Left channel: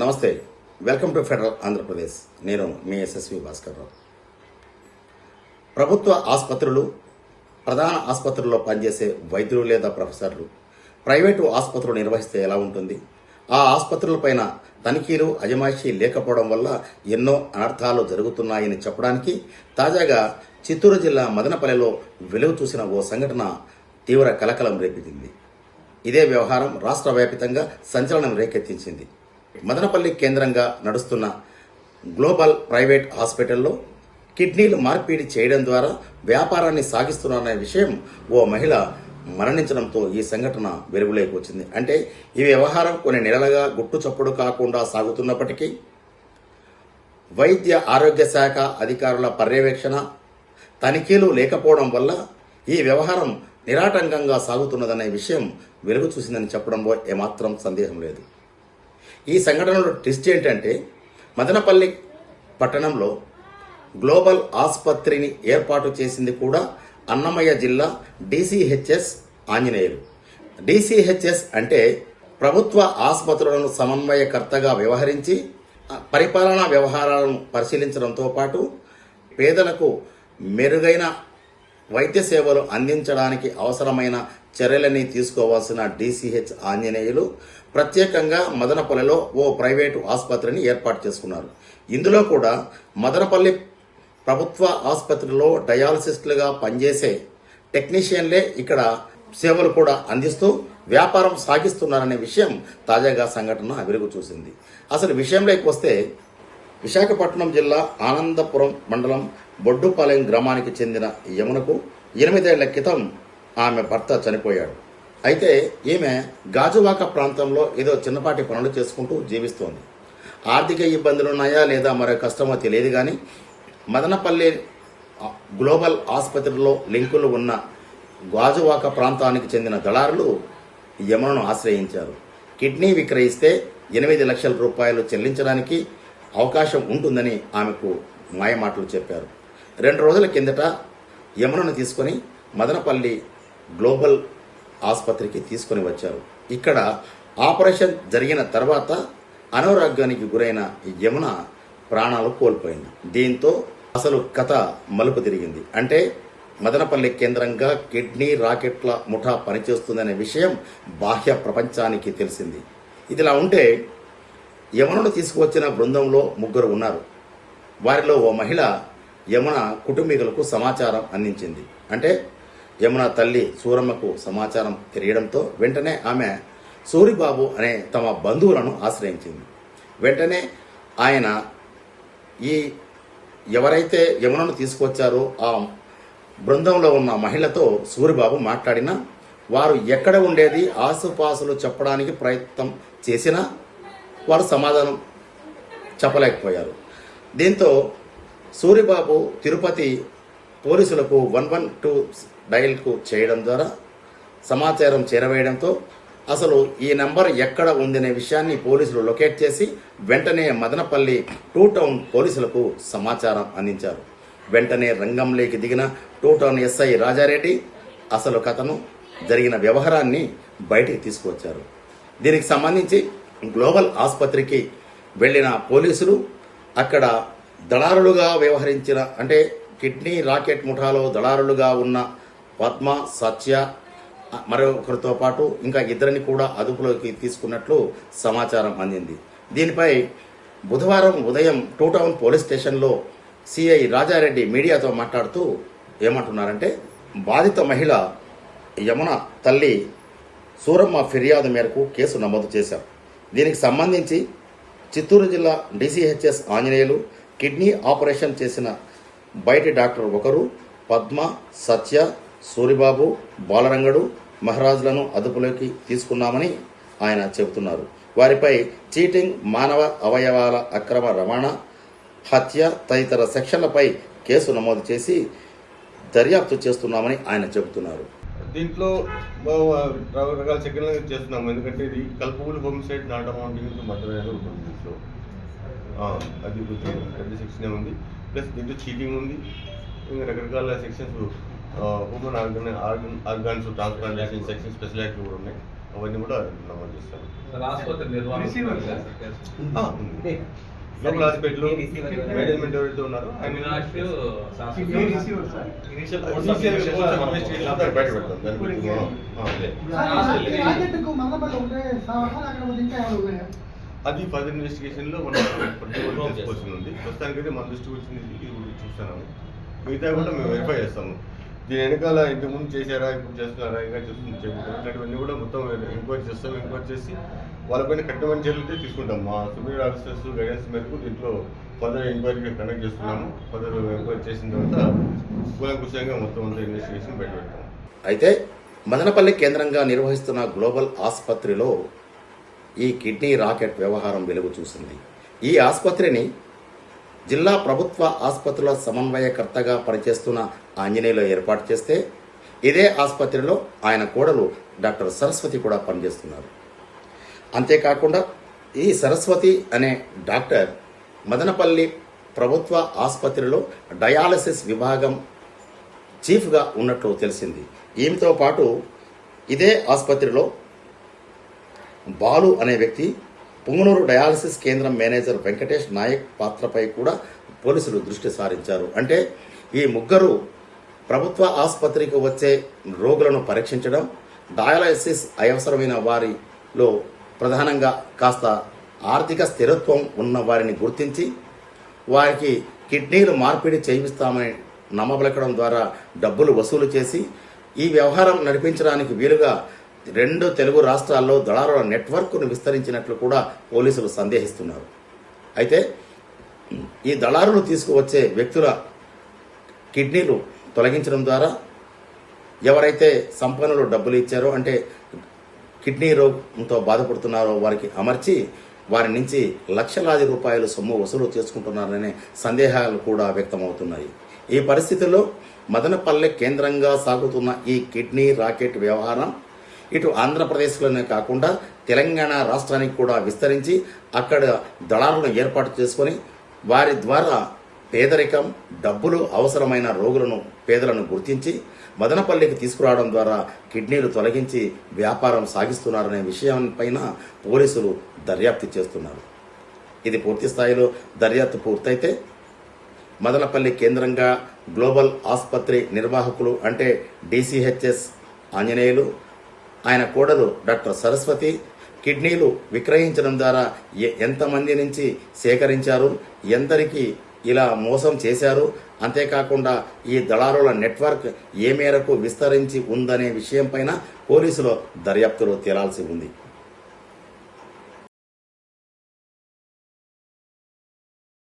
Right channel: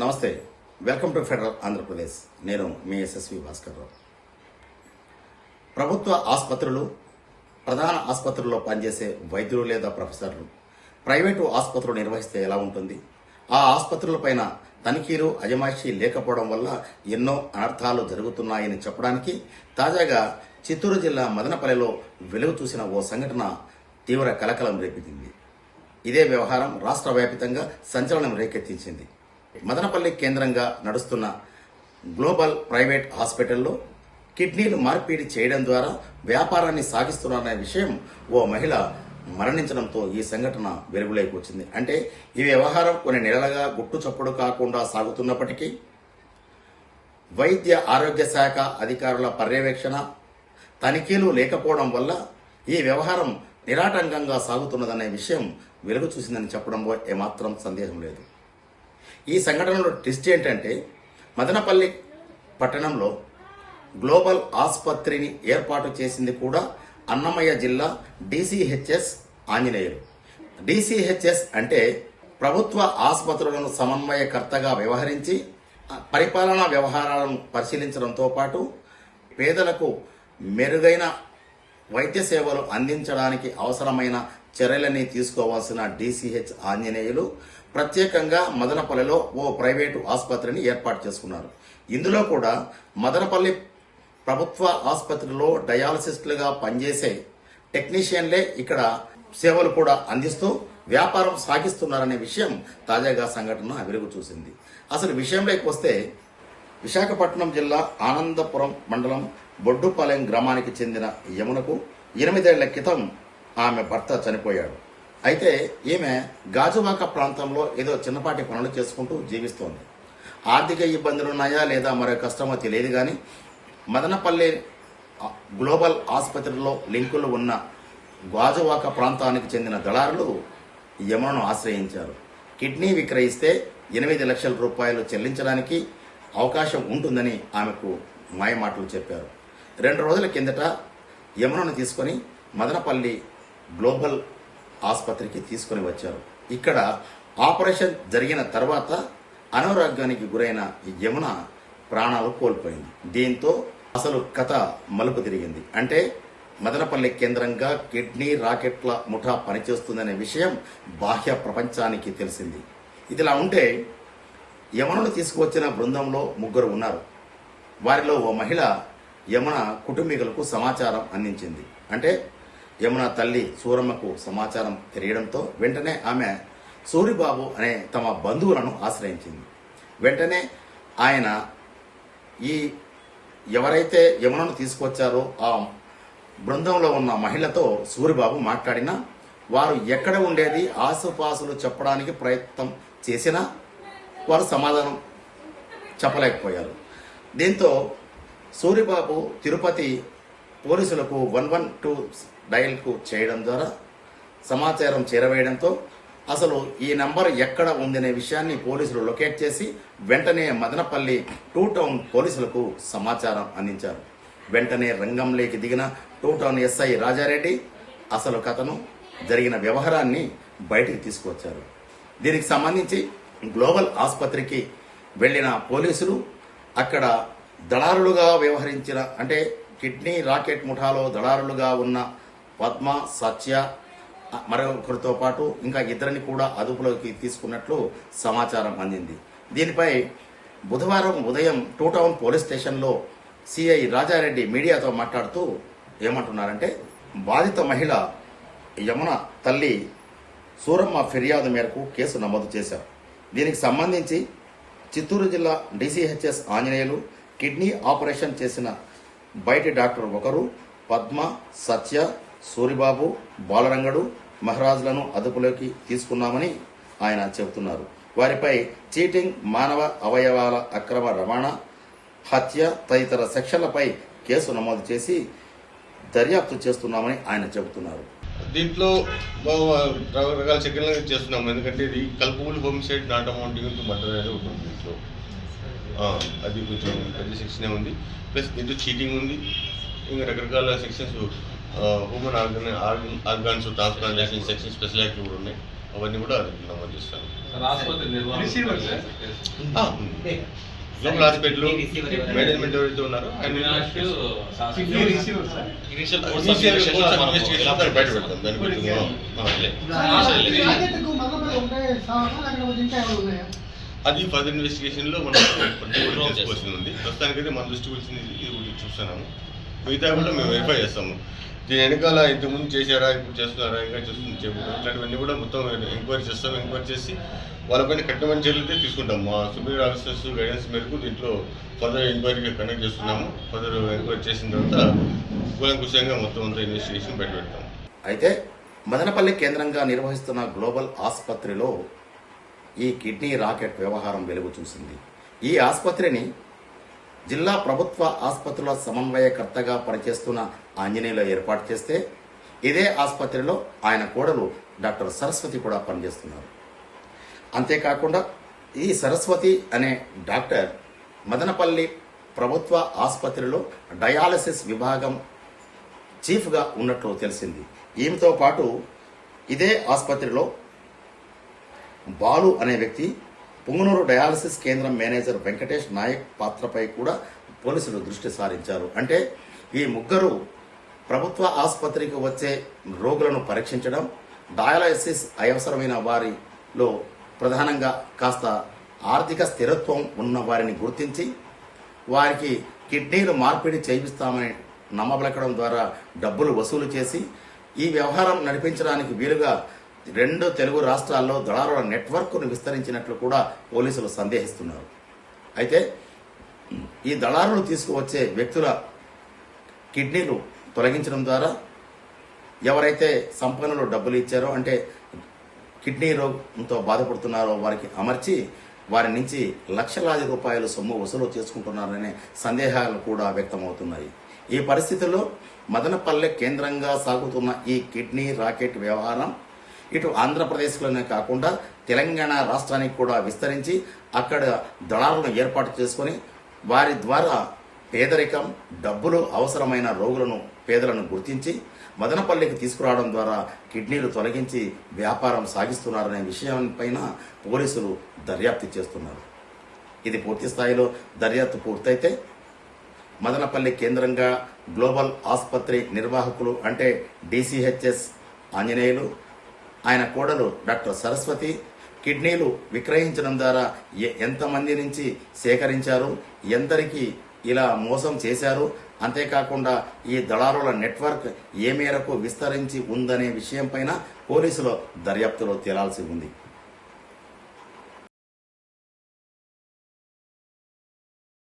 నమస్తే, welcome to federal Andhra Pradesh. నేను మీ SSV Bhaskar Rao. ప్రభుత్వ ఆసుపత్రులు, ప్రధాన ఆసుపత్రుల్లో పనిచేసే వైద్యులు లేదా ప్రొఫెసర్లు ప్రైవేటు ఆసుపత్రులు నిర్వహిస్తే ఎలా ఉంటుంది? ఆ ఆసుపత్రులపైన తనిఖీలు, అజమాయిషీ లేకపోవడం వల్ల ఎన్నో అనర్థాలు జరుగుతున్నాయని చెప్పడానికి తాజాగా చిత్తూరు జిల్లా మదనపల్లెలో వెలుగు చూసిన ఓ సంఘటన తీవ్ర కలకలం రేపింది. ఇదే వ్యవహారం రాష్ట్ర వ్యాప్తంగా సంచలనం రేకెత్తించింది. మదనపల్లి కేంద్రంగా నడుస్తున్న గ్లోబల్ ప్రైవేట్ హాస్పిటల్లో కిడ్నీలు మార్పిడి చేయడం ద్వారా వ్యాపారాన్ని సాగిస్తున్నారనే విషయం ఓ మహిళ మరణించడంతో ఈ సంఘటన వెలుగులోకి వచ్చింది. అంటే ఈ వ్యవహారం కొన్ని నెలలుగా గుట్టు చప్పుడు కాకుండా సాగుతున్నప్పటికీ వైద్య ఆరోగ్య శాఖ అధికారుల పర్యవేక్షణ, తనిఖీలు లేకపోవడం వల్ల ఈ వ్యవహారం నిరాటంకంగా సాగుతున్నదనే విషయం వెలుగు చూసిందని చెప్పడంలో ఏమాత్రం సందేహం లేదు. ఈ సంఘటనలో ట్విస్ట్ ఏంటంటే, మదనపల్లి పట్టణంలో గ్లోబల్ ఆసుపత్రిని ఏర్పాటు చేసింది కూడా అన్నమయ్య జిల్లా DCHS ఆంజనేయులు. DCHS అంటే ప్రభుత్వ ఆసుపత్రులను సమన్వయకర్తగా వ్యవహరించి పరిపాలనా వ్యవహారాలను పరిశీలించడంతో పాటు పేదలకు మెరుగైన వైద్య సేవలు అందించడానికి అవసరమైన చర్యలని తీసుకోవాల్సిన DCH ఆంజనేయులు ప్రత్యేకంగా మదనపల్లిలో ఓ ప్రైవేటు ఆసుపత్రిని ఏర్పాటు చేసుకున్నారు. ఇందులో కూడా మదనపల్లి ప్రభుత్వ ఆసుపత్రిలో డయాలసిస్టులుగా పనిచేసే టెక్నీషియన్లే ఇక్కడ సేవలు కూడా అందిస్తూ వ్యాపారం సాగిస్తున్నారనే విషయం తాజాగా సంఘటన వెలుగు చూసింది. అసలు విషయంలోకి వస్తే, విశాఖపట్నం జిల్లా ఆనందపురం మండలం బొడ్డుపాలెం గ్రామానికి చెందిన యమునకు 8 ఏళ్ల క్రితం ఆమె భర్త చనిపోయాడు. అయితే ఈమె గాజువాక ప్రాంతంలో ఏదో చిన్నపాటి పనులు చేసుకుంటూ జీవిస్తోంది. ఆర్థిక ఇబ్బందులున్నాయా లేదా మరో కష్టమో తెలియదు కానీ మదనపల్లి గ్లోబల్ ఆసుపత్రిలో లింకులు ఉన్న గాజువాక ప్రాంతానికి చెందిన దళారులు యమునను ఆశ్రయించారు. కిడ్నీ విక్రయిస్తే 8 లక్షల రూపాయలు చెల్లించడానికి అవకాశం ఉంటుందని ఆమెకు మాయమాటలు చెప్పారు. 2 రోజుల కిందట యమునను తీసుకుని మదనపల్లి గ్లోబల్ ఆసుపత్రికి తీసుకుని వచ్చారు. ఇక్కడ ఆపరేషన్ జరిగిన తర్వాత అనారోగ్యానికి గురైన యమున ప్రాణాలు కోల్పోయింది. దీంతో అసలు కథ మలుపు తిరిగింది. అంటే మదనపల్లి కేంద్రంగా కిడ్నీ రాకెట్ల ముఠా పనిచేస్తుందనే విషయం బాహ్య ప్రపంచానికి తెలిసింది. ఇదిలా ఉంటే యమునను తీసుకువచ్చిన బృందంలో 3 ఉన్నారు. వారిలో ఓ మహిళ యమున కుటుంబీకులకు సమాచారం అందించింది. అంటే యమున తల్లి సూరమ్మకు సమాచారం తెలియడంతో వెంటనే ఆమె సూరిబాబు అనే తమ బంధువులను ఆశ్రయించింది. వెంటనే ఆయన ఎవరైతే యమునను తీసుకొచ్చారో ఆ బృందంలో ఉన్న మహిళతో సూరిబాబు మాట్లాడినా వారు ఎక్కడ ఉండేది ఆసుపాసులు చెప్పడానికి ప్రయత్నం చేసినా వారు సమాధానం చెప్పలేకపోయారు. దీంతో సూరిబాబు తిరుపతి పోలీసులకు 112 డయల్కు చేయడం ద్వారా సమాచారం చేరవేయడంతో అసలు ఈ నంబర్ ఎక్కడ ఉందనే విషయాన్ని పోలీసులు లొకేట్ చేసి వెంటనే మదనపల్లి 2 టౌన్ పోలీసులకు సమాచారం అందించారు. వెంటనే రంగంలోకి దిగిన 2 టౌన్ SI రాజారెడ్డి అసలు కథను, జరిగిన వ్యవహారాన్ని బయటికి తీసుకువచ్చారు. దీనికి సంబంధించి గ్లోబల్ ఆసుపత్రికి వెళ్లిన పోలీసులు అక్కడ దళారులుగా వ్యవహరించిన, అంటే కిడ్నీ రాకెట్ ముఠాలో దళారులుగా ఉన్న పద్మ, సత్య మరొకరితో పాటు ఇంకా 2 కూడా అదుపులోకి తీసుకున్నట్లు సమాచారం అందింది. దీనిపై బుధవారం ఉదయం 2 టౌన్ పోలీస్ స్టేషన్లో సిఐ రాజారెడ్డి మీడియాతో మాట్లాడుతూ ఏమంటున్నారంటే, బాధిత మహిళ యమున తల్లి సూరమ్మ ఫిర్యాదు మేరకు కేసు నమోదు చేశారు. దీనికి సంబంధించి చిత్తూరు జిల్లా DCHS ఆంజనేయులు కిడ్నీ ఆపరేషన్ చేసిన బయటి డాక్టర్ ఒకరు, పద్మ, సత్య, సూరిబాబు, బాలరంగడు, మహారాజులను అదుపులోకి తీసుకున్నామని ఆయన చెబుతున్నారు. వారిపై చీటింగ్, మానవ అవయవాల అక్రమ రవాణా, హత్య తదితర సెక్షన్లపై కేసు నమోదు చేసి దర్యాప్తు చేస్తున్నామని ఆయన చెబుతున్నారు. దీంట్లో రకరకాల సెక్షన్లు చేస్తున్నాము. ఎందుకంటే ఇది culpable homicide not amounting to murder అనేది ఉంటుంది. దీంట్లో అది కొంచెం పెద్ద సెక్షనే ఉంది. ప్లస్ దీంట్లో చీటింగ్ ఉంది. ఇంకా రకరకాల sections, human organs transplantation section స్పెషాలిటీలు కూడా ఉన్నాయి. అవన్నీ కూడా నమోదు చేస్తాను. ఆసుపత్రి నిర్వహణ ఉంది. గ్లోబల్ హాస్పిటల్ మేనేజ్మెంట్ ఎవరైతే ఉన్నారో ఆయన ఇనిషియల్ బయట పెడతాం. దాని గురించి అది ఫర్దర్ ఇన్వెస్టిగేషన్ లో మనం తెలుసుకోవాల్సింది ఉంది. ప్రస్తుతానికైతే మన దృష్టికి వచ్చింది ఇది ఒకటి చూస్తున్నాము. మిగతా కూడా మేము వెరిఫై చేస్తాము. దీని వెనకాల ఇంతకుముందు చేశారా, ఇప్పుడు చేస్తున్నారా, ఇంకా చేయబోతున్నారు, ఇట్లాంటివన్నీ కూడా మొత్తం ఎంక్వైరీ చేస్తాం. ఎంక్వైరీ చేసి వాళ్ళపైన కఠినమైన చర్యలు అయితే తీసుకుంటాం. మా సుపీరియర్ ఆఫీసర్స్ గైడెన్స్ మేరకు దీంట్లో ఫర్దర్ ఎంక్వైరీ కండక్ట్ చేస్తున్నాము. ఫర్దర్ ఎంక్వైరీ చేసిన తర్వాత కూలంకుషంగా మొత్తం అంతా ఇన్వెస్టిగేషన్ బయట పెడతాము. అయితే మదనపల్లి కేంద్రంగా నిర్వహిస్తున్న గ్లోబల్ ఆసుపత్రిలో ఈ కిడ్నీ రాకెట్ వ్యవహారం వెలుగు చూసింది. ఈ ఆసుపత్రిని జిల్లా ప్రభుత్వ ఆసుపత్రుల సమన్వయకర్తగా పనిచేస్తున్న ఆంజనేయులు ఏర్పాటు చేస్తే ఇదే ఆసుపత్రిలో ఆయన కోడలు డాక్టర్ సరస్వతి కూడా పనిచేస్తున్నారు. అంతేకాకుండా ఈ సరస్వతి అనే డాక్టర్ మదనపల్లి ప్రభుత్వ ఆసుపత్రిలో డయాలసిస్ విభాగం చీఫ్గా ఉన్నట్లు తెలిసింది. ఈమెతో పాటు ఇదే ఆసుపత్రిలో బాలు అనే వ్యక్తి, పుంగనూరు డయాలసిస్ కేంద్రం మేనేజర్ వెంకటేష్ నాయక్ పాత్రపై కూడా పోలీసులు దృష్టి సారించారు. అంటే ఈ ముగ్గురు ప్రభుత్వ ఆసుపత్రికి వచ్చే రోగులను పరీక్షించడం, డయాలసిస్ అవసరమైన వారిలో ప్రధానంగా కాస్త ఆర్థిక స్థిరత్వం ఉన్న వారిని గుర్తించి వారికి కిడ్నీలు మార్పిడి చేయిస్తామని నమ్మబలకడం ద్వారా డబ్బులు వసూలు చేసి ఈ వ్యవహారం నడిపించడానికి వీలుగా 2 తెలుగు రాష్ట్రాల్లో దళారుల నెట్వర్క్ను విస్తరించినట్లు కూడా పోలీసులు సందేహిస్తున్నారు. అయితే ఈ దళారులు తీసుకువచ్చే వ్యక్తుల కిడ్నీలు తొలగించడం ద్వారా ఎవరైతే సంపన్నులు డబ్బులు ఇచ్చారో, అంటే కిడ్నీ రోగంతో బాధపడుతున్నారో వారికి అమర్చి వారి నుంచి లక్షలాది రూపాయల సొమ్ము వసూలు చేసుకుంటున్నారనే సందేహాలు కూడా వ్యక్తమవుతున్నాయి. ఈ పరిస్థితుల్లో మదనపల్లె కేంద్రంగా సాగుతున్న ఈ కిడ్నీ రాకెట్ వ్యవహారం ఇటు ఆంధ్రప్రదేశ్లోనే కాకుండా తెలంగాణ రాష్ట్రానికి కూడా విస్తరించి అక్కడ దళారులను ఏర్పాటు చేసుకుని వారి ద్వారా పేదరికం, డబ్బులు అవసరమైన రోగులను, పేదలను గుర్తించి మదనపల్లికి తీసుకురావడం ద్వారా కిడ్నీలు తొలగించి వ్యాపారం సాగిస్తున్నారనే విషయంపైన పోలీసులు దర్యాప్తు చేస్తున్నారు. ఇది పూర్తి స్థాయిలో దర్యాప్తు పూర్తయితే మదనపల్లి కేంద్రంగా గ్లోబల్ ఆసుపత్రి నిర్వాహకులు అంటే డీసీహెచ్ఎస్ ఆంజనేయులు, ఆయన కోడలు డాక్టర్ సరస్వతి కిడ్నీలు విక్రయించడం ద్వారా ఎంతమంది నుంచి సేకరించారు, ఎందరికి ఇలా మోసం చేశారు, అంతేకాకుండా ఈ దళారుల నెట్వర్క్ ఏ మేరకు విస్తరించి ఉందనే విషయంపైన పోలీసులు దర్యాప్తులో తేలాల్సి ఉంది.